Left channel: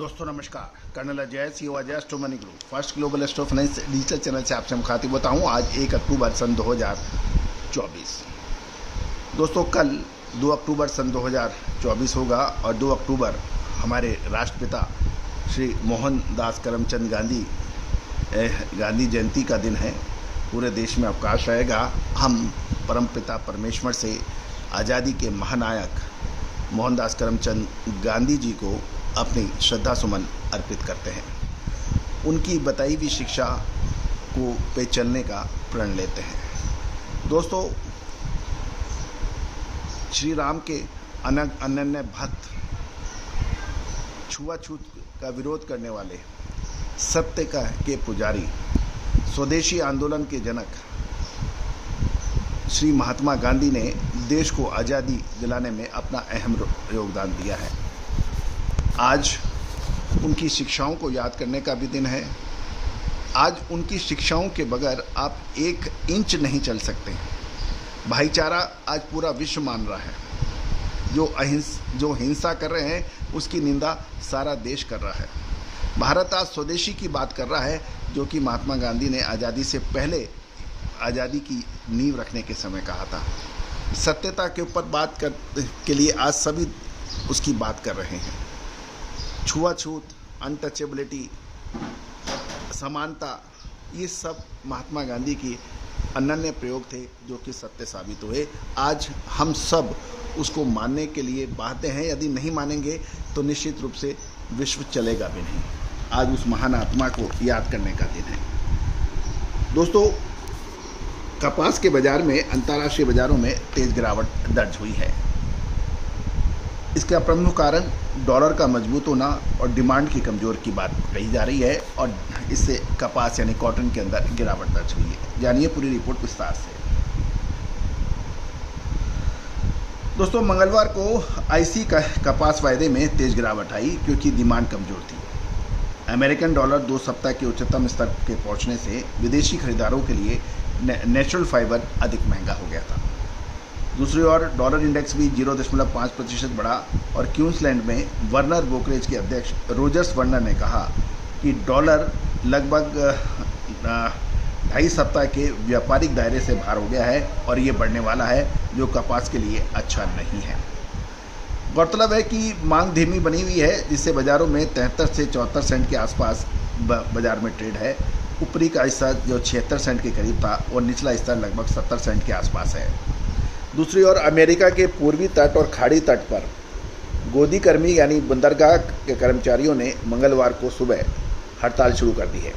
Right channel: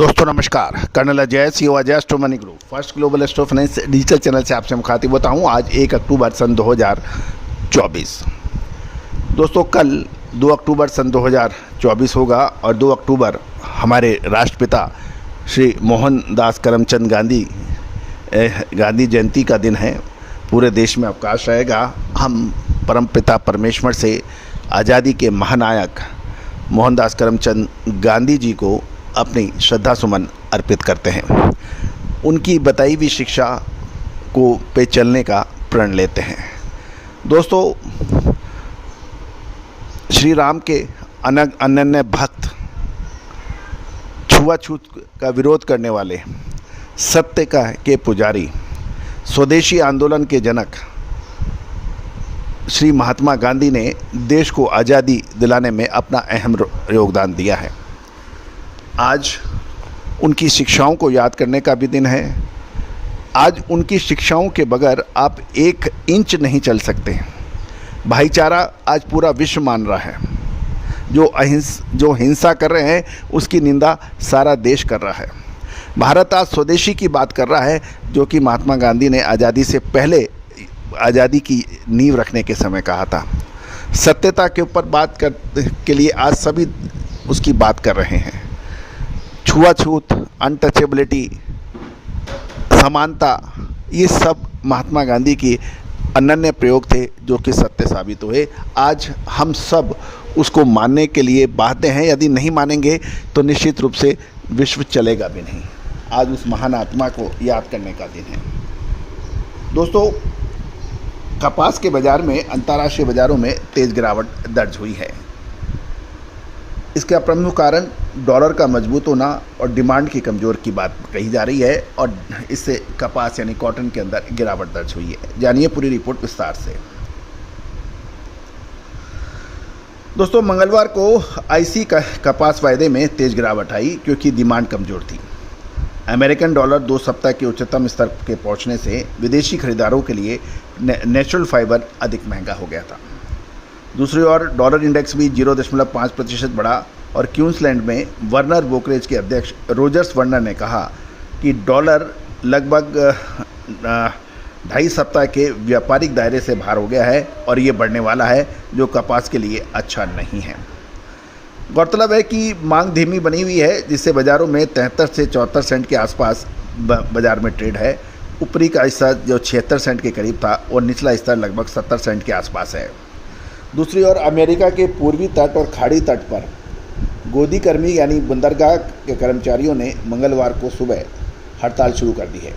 दोस्तों नमस्कार। Colonel Ajay CEO Ajay astro money group first global astro finance digital channel से आपसे मुखातिब होता हूं। आज 1 अक्टूबर सन 2024। दोस्तों कल 2 अक्टूबर सन 2024 होगा और 2 अक्टूबर हमारे राष्ट्रपिता श्री मोहनदास करमचंद गांधी जयंती का दिन है। पूरे देश में अवकाश रहेगा। हम परमपिता परमेश्वर से आज़ादी के महानायक मोहनदास करमचंद गांधी जी को अपनी श्रद्धा सुमन अर्पित करते हैं। उनकी बताई हुई शिक्षा को पे चलने का प्रण लेते हैं। दोस्तों श्री राम के अनन्य भक्त, छुआछूत का विरोध करने वाले, सत्य के पुजारी, स्वदेशी आंदोलन के जनक श्री महात्मा गांधी ने देश को आज़ादी दिलाने में अपना अहम योगदान दिया है। आज उनकी शिक्षाओं को याद करने का भी दिन है। आज उनकी शिक्षाओं के बगैर आप 1 इंच नहीं चल सकते। भाईचारा आज पूरा विश्व मान रहा है। जो हिंसा कर रहे हैं उसकी निंदा सारा देश कर रहा है। भारत आज स्वदेशी की बात कर रहा है, जो कि महात्मा गांधी ने आज़ादी से पहले आज़ादी की नींव रखने के समय कहा था। सत्यता के ऊपर बात के लिए आज सभी उसकी बात कर रहे हैं। छुआछूत, अनटचेबिलिटी, समानता, ये सब महात्मा गांधी की अनन्य प्रयोग थे जो कि सत्य साबित हुए। आज हम सब उसको मानने के लिए बाध्य हैं। यदि नहीं मानेंगे तो निश्चित रूप से विश्व चलेगा भी नहीं। आज उस महान आत्मा को याद करने का दिन है। दोस्तों कपास के बाज़ार में, अंतर्राष्ट्रीय बाज़ारों में तेज़ गिरावट दर्ज हुई है। इसका प्रमुख कारण डॉलर का मजबूत होना और डिमांड की कमज़ोर की बात कही जा रही है और इससे कपास यानी कॉटन के अंदर गिरावट दर्ज हुई है। जानिए पूरी रिपोर्ट विस्तार से। दोस्तों मंगलवार को आईसी का कपास वायदे में तेज गिरावट आई क्योंकि डिमांड कमज़ोर थी। अमेरिकन डॉलर 2 सप्ताह के उच्चतम स्तर के पहुंचने से विदेशी खरीदारों के लिए नेचुरल फाइबर अधिक महंगा हो गया था। दूसरी ओर डॉलर इंडेक्स भी 0.5% बढ़ा और क्वींसलैंड में वर्नर ब्रोकरेज के अध्यक्ष रोजर्स वर्नर ने कहा कि डॉलर लगभग 2.5 सप्ताह के व्यापारिक दायरे से बाहर हो गया है और ये बढ़ने वाला है, जो कपास के लिए अच्छा नहीं है। गौरतलब है कि मांग धीमी बनी हुई है, जिससे बाज़ारों में 73 से 74 सेंट के आसपास बाज़ार में ट्रेड है। ऊपरी का हिस्सा जो 76 सेंट के करीब था और निचला हिस्सा लगभग 70 सेंट के आसपास है। दूसरी ओर अमेरिका के पूर्वी तट और खाड़ी तट पर गोदी कर्मी यानी बंदरगाह के कर्मचारियों ने मंगलवार को सुबह हड़ताल शुरू कर दी है,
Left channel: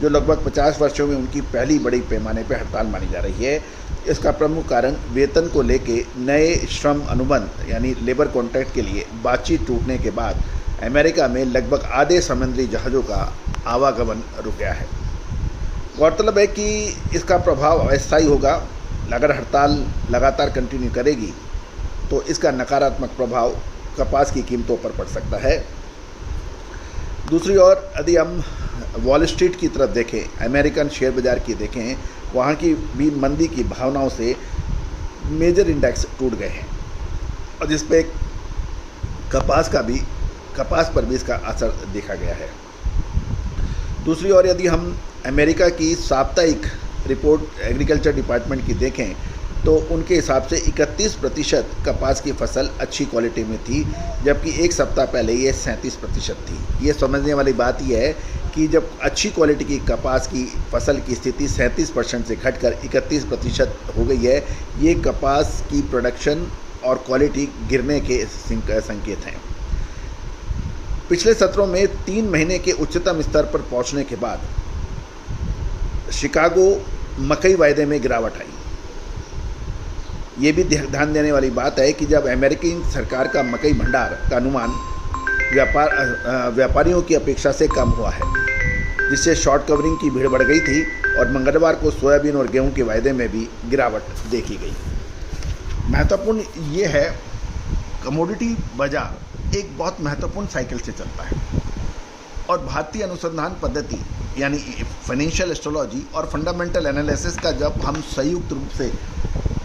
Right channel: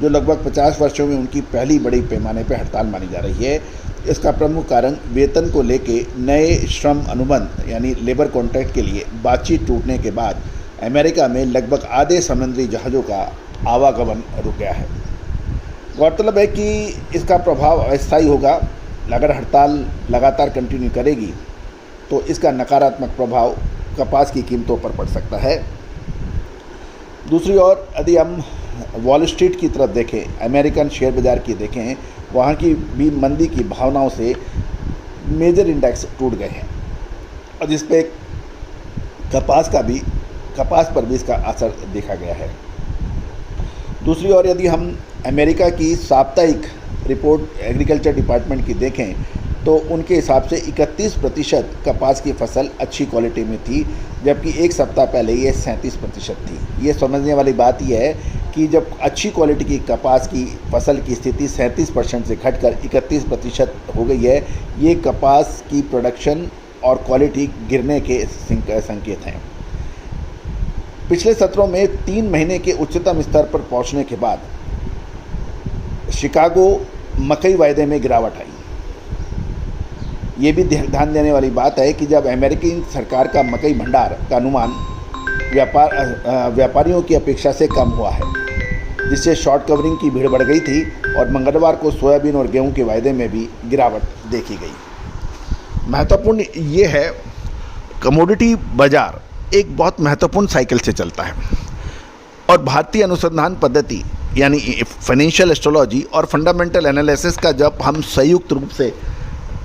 जो लगभग 50 वर्षों में उनकी पहली बड़ी पैमाने पर हड़ताल मानी जा रही है। इसका प्रमुख कारण वेतन को लेके नए श्रम अनुबंध यानी लेबर कॉन्ट्रैक्ट के लिए बातचीत टूटने के बाद अमेरिका में लगभग आधे समुद्री जहाज़ों का आवागमन रुक गया है। गौरतलब है कि इसका प्रभाव अस्थायी होगा। अगर हड़ताल लगातार कंटिन्यू करेगी तो इसका नकारात्मक प्रभाव कपास की कीमतों पर पड़ सकता है। दूसरी ओर यदि हम वॉल स्ट्रीट की तरफ देखें, अमेरिकन शेयर बाज़ार की देखें, वहाँ की भी मंदी की भावनाओं से मेजर इंडेक्स टूट गए हैं और जिस पे कपास पर भी इसका असर देखा गया है। दूसरी ओर यदि हम अमेरिका की साप्ताहिक रिपोर्ट एग्रीकल्चर डिपार्टमेंट की देखें तो उनके हिसाब से 31% कपास की फसल अच्छी क्वालिटी में थी, जबकि 1 सप्ताह पहले ये 37% थी। ये समझने वाली बात यह है कि जब अच्छी क्वालिटी की कपास की फसल की स्थिति 37% से घटकर 31% हो गई है, ये कपास की प्रोडक्शन और क्वालिटी गिरने के संकेत हैं। पिछले सत्रों में 3 महीने के उच्चतम स्तर पर पहुंचने के बाद शिकागो मकई वायदे में गिरावट आई। ये भी ध्यान देने वाली बात है कि जब अमेरिकी सरकार का मकई भंडार का अनुमान व्यापारियों की अपेक्षा से कम हुआ है, जिससे शॉर्ट कवरिंग की भीड़ बढ़ गई थी और मंगलवार को सोयाबीन और गेहूं के वायदे में भी गिरावट देखी गई। महत्वपूर्ण ये है, कमोडिटी बाजार एक बहुत महत्वपूर्ण साइकिल से चलता है और भारतीय अनुसंधान पद्धति यानी फाइनेंशियल एस्ट्रोलॉजी और फंडामेंटल एनालिसिस का जब हम संयुक्त रूप से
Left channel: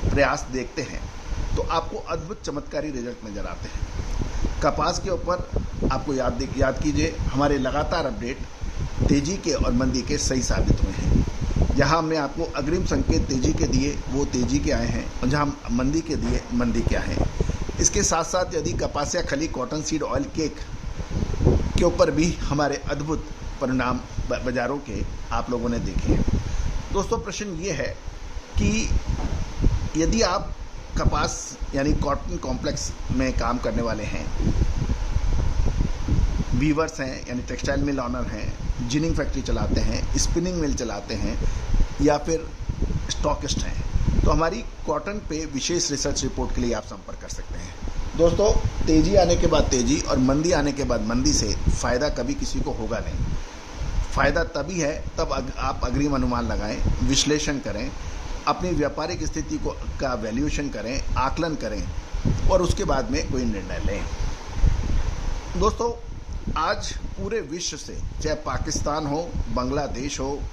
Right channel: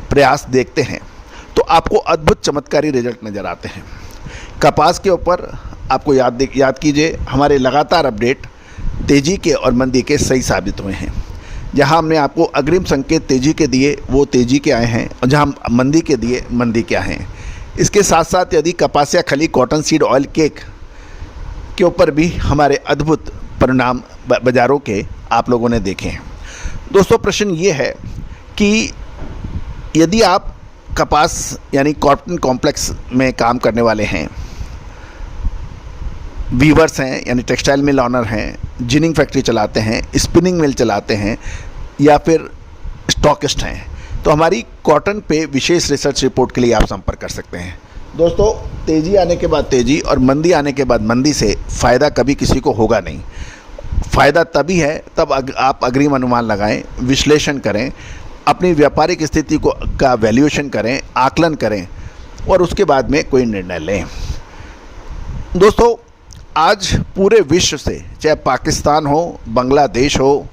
प्रयास देखते हैं तो आपको अद्भुत चमत्कारी रिजल्ट नज़र आते हैं। कपास के ऊपर आपको याद कीजिए, हमारे लगातार अपडेट तेज़ी के और मंदी के सही साबित हुए हैं। जहां हमने आपको अग्रिम संकेत तेज़ी के दिए वो तेज़ी के आए हैं, और जहां मंदी के दिए मंदी के आए हैं। इसके साथ साथ यदि कपासिया खली कॉटन सीड ऑयल केक के ऊपर भी हमारे अद्भुत परिणाम बाज़ारों के आप लोगों ने देखे हैं। दोस्तों, प्रश्न ये है कि यदि आप कपास यानी कॉटन कॉम्प्लेक्स में काम करने वाले हैं, वीवर्स हैं यानी टेक्सटाइल मिल ऑनर हैं, जिनिंग फैक्ट्री चलाते हैं, स्पिनिंग मिल चलाते हैं, या फिर स्टॉकिस्ट हैं, तो हमारी कॉटन पे विशेष रिसर्च रिपोर्ट के लिए आप संपर्क कर सकते हैं। दोस्तों, तेज़ी आने के बाद तेज़ी और मंदी आने के बाद मंदी से फ़ायदा कभी किसी को होगा नहीं। फ़ायदा तभी है तब आप अग्रिम अनुमान लगाएं, विश्लेषण करें, अपनी व्यापारिक स्थिति का वैल्यूएशन करें, आकलन करें, और उसके बाद में कोई निर्णय लें। दोस्तों, आज पूरे विश्व से, चाहे पाकिस्तान हो, बांग्लादेश हो,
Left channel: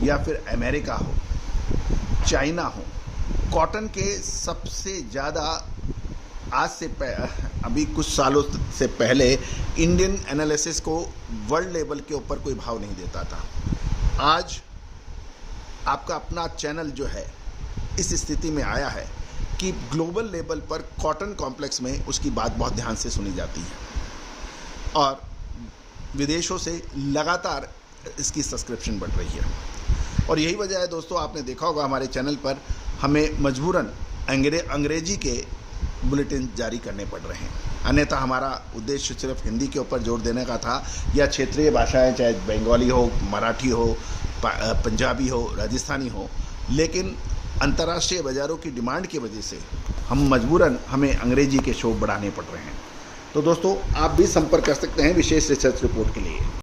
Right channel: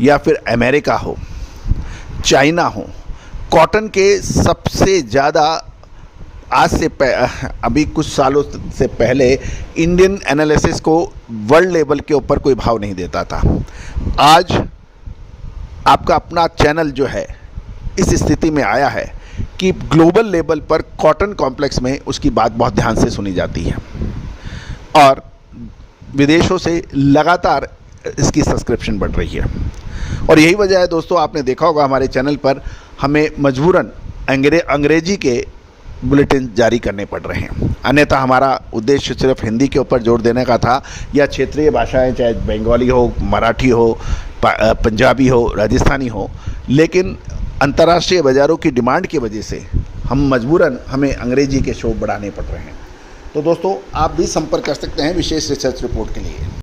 या फिर अमेरिका हो, चाइना हो, कॉटन के सबसे ज़्यादा आज से अभी कुछ सालों से पहले इंडियन एनालिसिस को वर्ल्ड लेवल के ऊपर कोई भाव नहीं देता था। आज आपका अपना चैनल जो है इस स्थिति में आया है कि ग्लोबल लेवल पर कॉटन कॉम्प्लेक्स में उसकी बात बहुत ध्यान से सुनी जाती है, और विदेशों से लगातार इसकी सब्सक्रिप्शन बढ़ रही है। और यही वजह है दोस्तों, आपने देखा होगा हमारे चैनल पर हमें मजबूरन अंग्रेजी के बुलेटिन जारी करने पड़ रहे हैं। अन्यथा हमारा उद्देश्य सिर्फ हिंदी के ऊपर जोर देने का था, या क्षेत्रीय भाषाएं, चाहे बंगाली हो, मराठी हो, पंजाबी हो, राजस्थानी हो, लेकिन अंतर्राष्ट्रीय बाज़ारों की डिमांड की वजह से हमें अंग्रेजी के शो बढ़ाने पड़ रहे हैं। तो दोस्तों, आप भी संपर्क कर सकते हैं विशेष रिसर्च रिपोर्ट के लिए।